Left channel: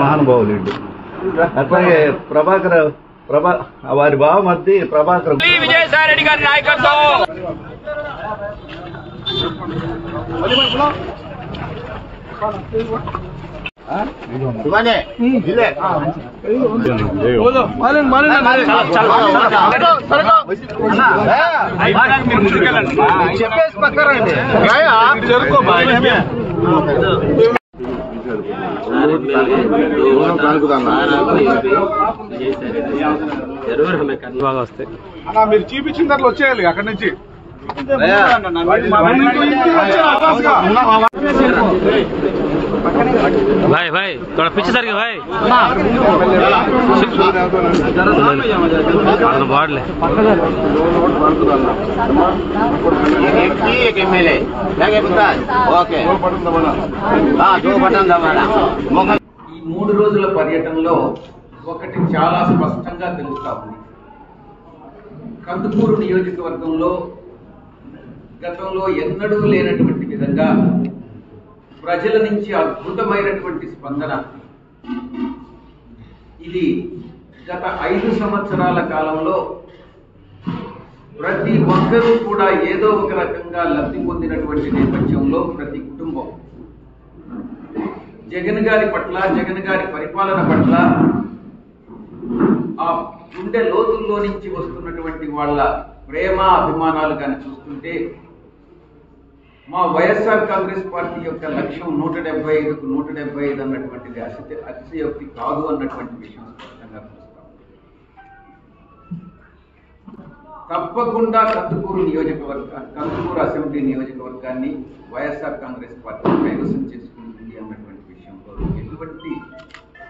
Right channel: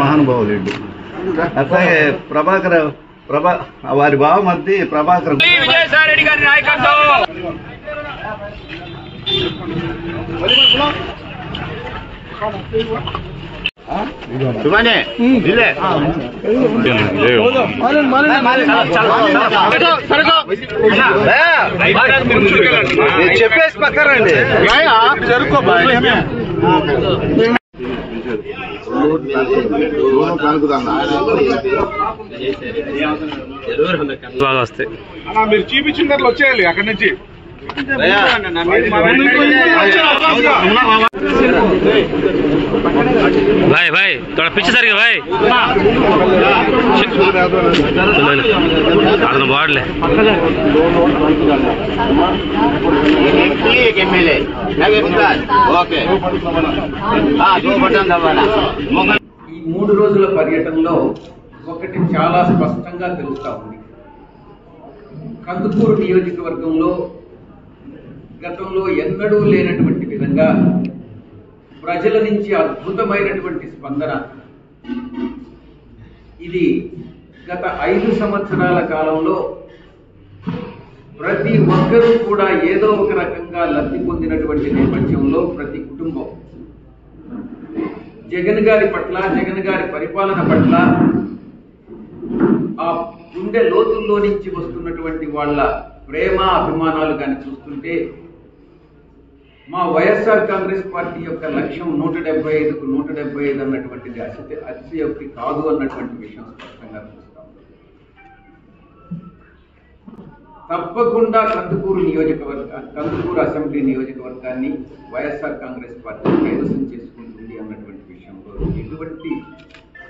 మహానుభావులు అట్లాగే వారి బావమర్ది ప్రభాకర్ విజయసాయి రెడ్డి గారి నాయకత్వం చెప్పేసి పక్కరండి బాగా వస్తాయి మీరు చూపించినట్లు వచ్చేయాలి అక్కడి నుంచి भाई भाई थोड़ा पीछे सर के भाई बाढ़ ले ఈ 3 రోజుల పర్యటనలో ఒకటి చాలా స్పష్టంగా తెలుస్తా ఉంది. కందుకూరు నియోజకవర్గంలో గతంలో ఎన్నడూ లేనటువంటి విధంగా ప్రజల నుంచి అద్భుతమైనటువంటి స్పందన. ఇది గత 5 సంవత్సరాల కాలంలో ప్రతి ఒక్కరూ కూడా ఏదో ఒక రకంగా లబ్ధి పొందినటువంటి నేపథ్యంలో ప్రతి కుటుంబం జగన్ గారి పట్ల, జగన్ గారి పరిపాలన పట్ల ఆ గుండె లోతుల్లో నుంచి వస్తున్నటువంటి వాళ్ళ ప్రేమ అభిమానాలు కానీ చూస్తుంటే మా వైఎస్ఆర్ కాంగ్రెస్ పార్టీ యొక్క లక్ష్యం 175కు 175 అన్నటువంటిది అతిశయోక్తి కాదు అన్నటువంటి విషయం స్పష్టంగా చూస్తాం. తప్పకుండా కందుకూరు అసెంబ్లీ నియోజకవర్గాన్ని వైఎస్ఆర్ కాంగ్రెస్ పార్టీ కైవసం చేసుకుంటుంది అన్నటువంటి విషయంలో ఎటువంటి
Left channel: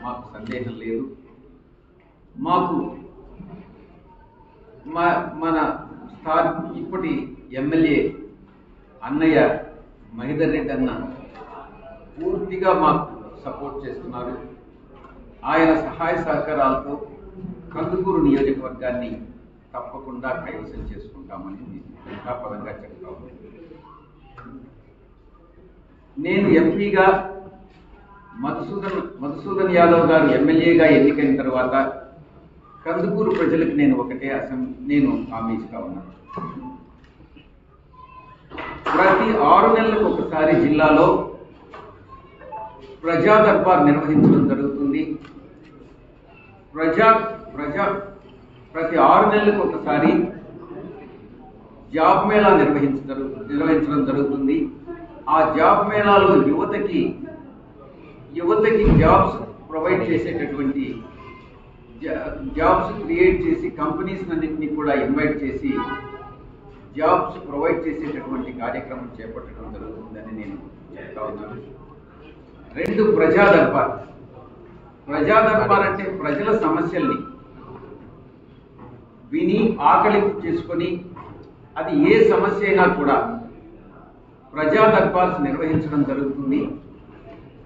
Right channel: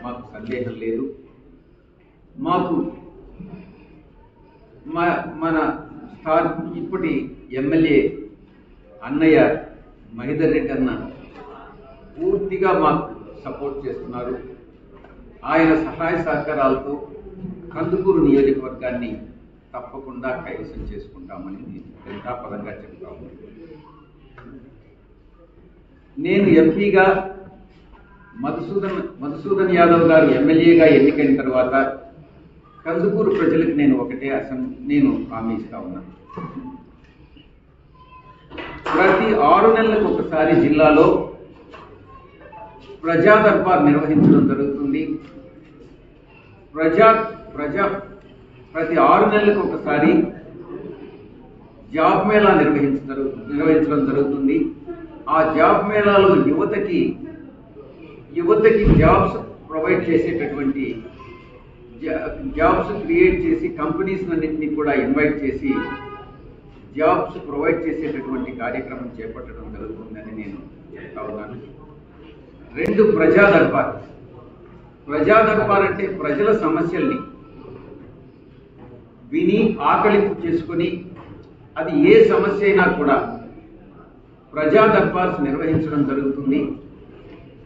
మాకు సందేహం లేదు. మాకు మన ఇప్పటి ఎమ్మెల్యే అన్నయ్య మహిదర్ రెడ్డి అన్న పూర్తిగా మాకు సపోర్ట్ చేస్తున్నారు. ఆయన సహాయ సహకారాలతో కందుకూరు నియోజకవర్గాన్ని తప్పకుండా కైవసం చేసుకుంటామని ఘంటాపదంగా చెప్తాము. నేను ఎంపీగా మధుసూదన్ యాదవ్ గారు ఎమ్మెల్యేగా ఎన్నికైన తర్వాత కందుకూరు ప్రజలకు నేను హామీ ఇస్తా ఉన్నాను. ప్రతి 6 నెలలకు ఒకసారి జిల్లాలో ప్రజా దర్బార్ నిర్వహించడం జరుగుతుంది. ప్రతి 6 నెలలకు ఒకసారి జాబ్ మేళా నిర్వహించడం జరుగుతుంది. ఆ జాబ్ మేళాలో యువతకి జాబ్స్ ప్రొవైడ్ చేసేటటువంటి జాబ్స్ క్రియేట్ చేసి కంపెనీస్ అన్నింటినీ కూడా ఇన్వైట్ చేసి జాబ్స్ ప్రొవైడ్ చేసేటటువంటి కార్యక్రమం చేపట్టడం జరుగుతుందని నేను చెప్తా ఉన్నాను. 2 ప్రజా దర్బార్ అంటే ప్రజల సమస్యల్ని విని ఆకలింపు చేసుకొని అది ఏ సమస్య అయినా కూడా ప్రజా దర్బార్స్ నిర్వహించడం జరుగుతుంది.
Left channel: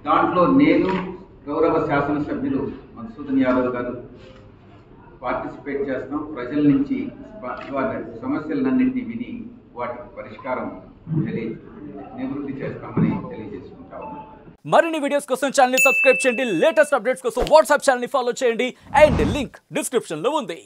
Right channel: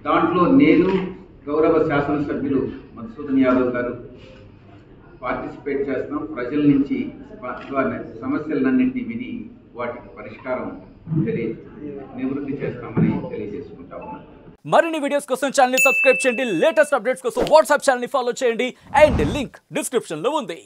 దాంట్లో నేను గౌరవ శాసనసభ్యులు మధుసూదన్ యాదవ్ గారు పార్టిసిపేట్ చేస్తున్నాం. ప్రజల నుంచి సమస్యలన్నింటినీ విని వాటికి పరిష్కారం నివృత్తి చేస్తామని తెలియజేసుకుంటా ఉన్నాం. మరిన్ని వీడియోస్ కోసం ఛానల్ ని సబ్స్క్రైబ్ చేయండి. లేటెస్ట్ అప్డేట్స్ కోసం వాట్సాప్ ఛానల్ ని ఫాలో చేయండి. అండ్ లింక్ డిస్క్రిప్షన్ లో ఉంది.